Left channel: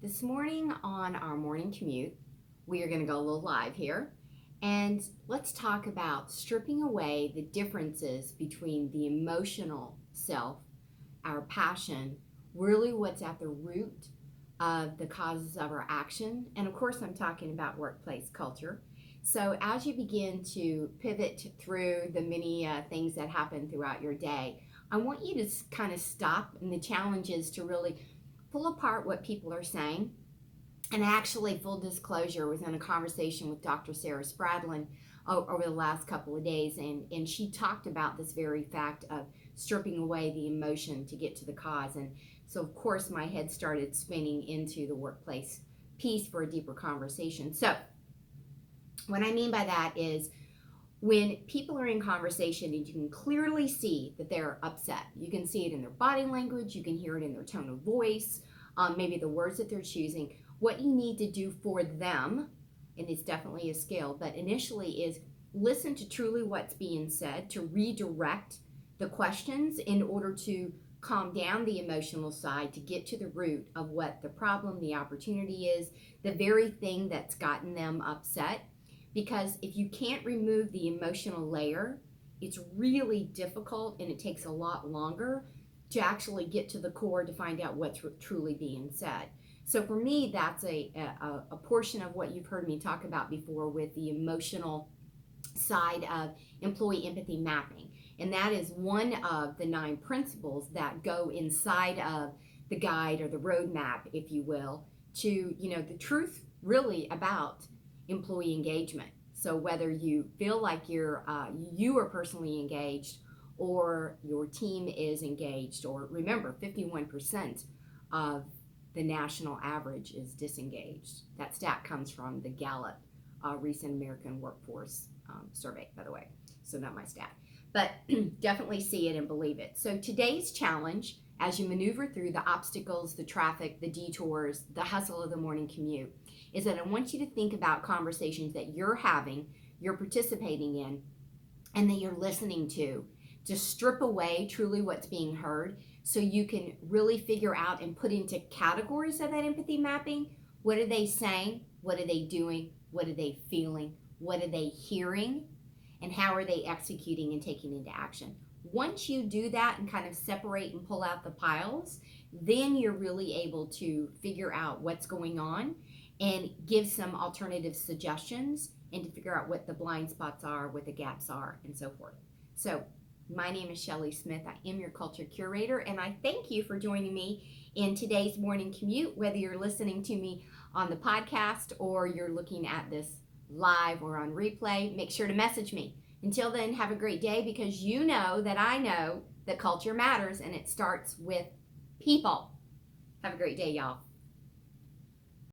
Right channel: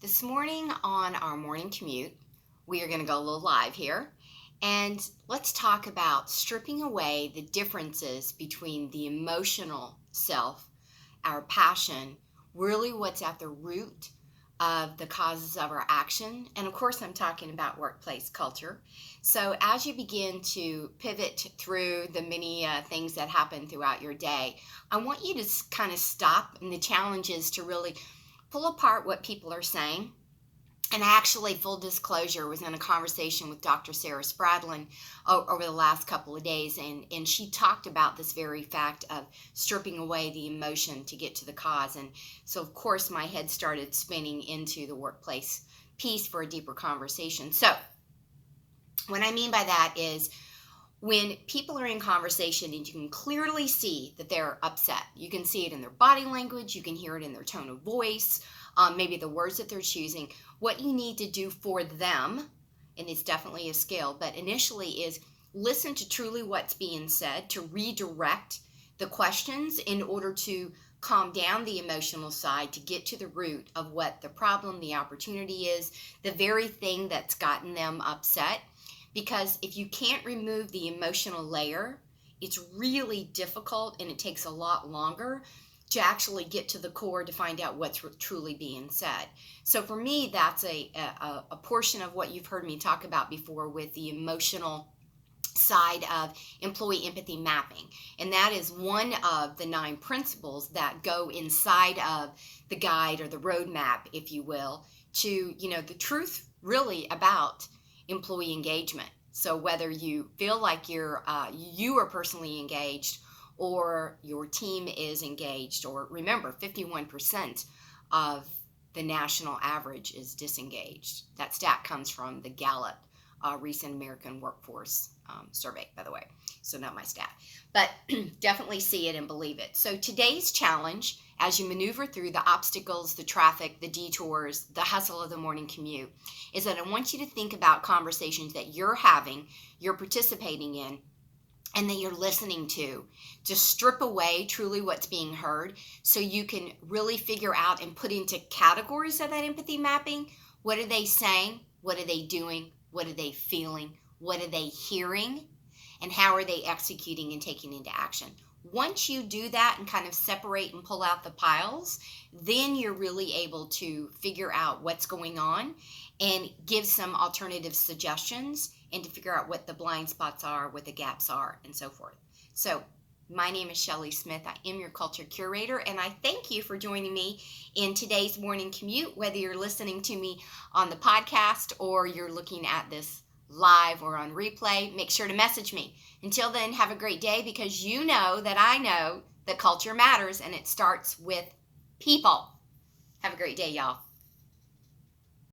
This morning on our morning commute, we are going to go a little live here and let's talk about stripping away the differences between the emotional self, our passion, really what's at the root of the causes of our action. And of course, I'm talking about workplace culture. So, as you begin to pivot through the many things that happen throughout your day, I want you to kind of stop. And the challenge is to really pull apart what people are saying. And actually, full disclosure, was in a conversation with Dr. Sarah Spradlin over the last couple of days, and she talked about this very fact of stripping away the emotion to get to the cause. And so, of course, my head started spinning into the workplace piece for a deeper conversation. So, what I mean by that is when people are in conversation and you can clearly see that they're upset, you can see it in their body language, you can hear it in their tone of voice, maybe the words that they're choosing. What you need to do for them, and it's definitely a skill, but initially is listen to truly what's being said, to redirect the questions in order to calm down the emotional side, to get to the root of what the problem, the opportunity is, the very thing that's gotten them upset. Because if you can't remove the emotional layer, it's really difficult and it takes a lot longer to actually get to the core to find out what's truly being said. So for me, that's a portion of what you've heard me talk about before with the emotional side of employee empathy mapping. And that is one of the 9 principles that go inside of the guide or the roadmap, if you will, to, the truth really about employee engagement. So whether you feel like you are personally engaged or your team is engaged, or remember 51% of the national average is disengaged. That stat comes from the Gallup recent American Workforce Survey, by the way. So not my stat, but definitely see it and believe it. So today's challenge, as you maneuver through the obstacles, the traffic, the detours, the hustle of the morning commute, is that I want you to think about conversations that you're having, you're participating in, and that you're listening to strip away truly what's being heard so you can really figure out and put into categories of that empathy mapping. What are they saying? What are they doing? What are they feeling? What are they hearing? And how are they executing and taking into action? Once you do that and kind of separate and pull out the piles, then you're really able to figure out what's going on and give some alternative suggestions and to figure out what the blind spots are, what the gaps are, and so forth. So my name is Shelley Smith. I am your culture curator, and I thank you for joining me in today's morning commute, whether you're listening to me on the podcast or you're looking at this live or on replay. Make sure to message me. Until then, have a great day, because you know that I know that culture matters and it starts with people. Have a great day, y'all.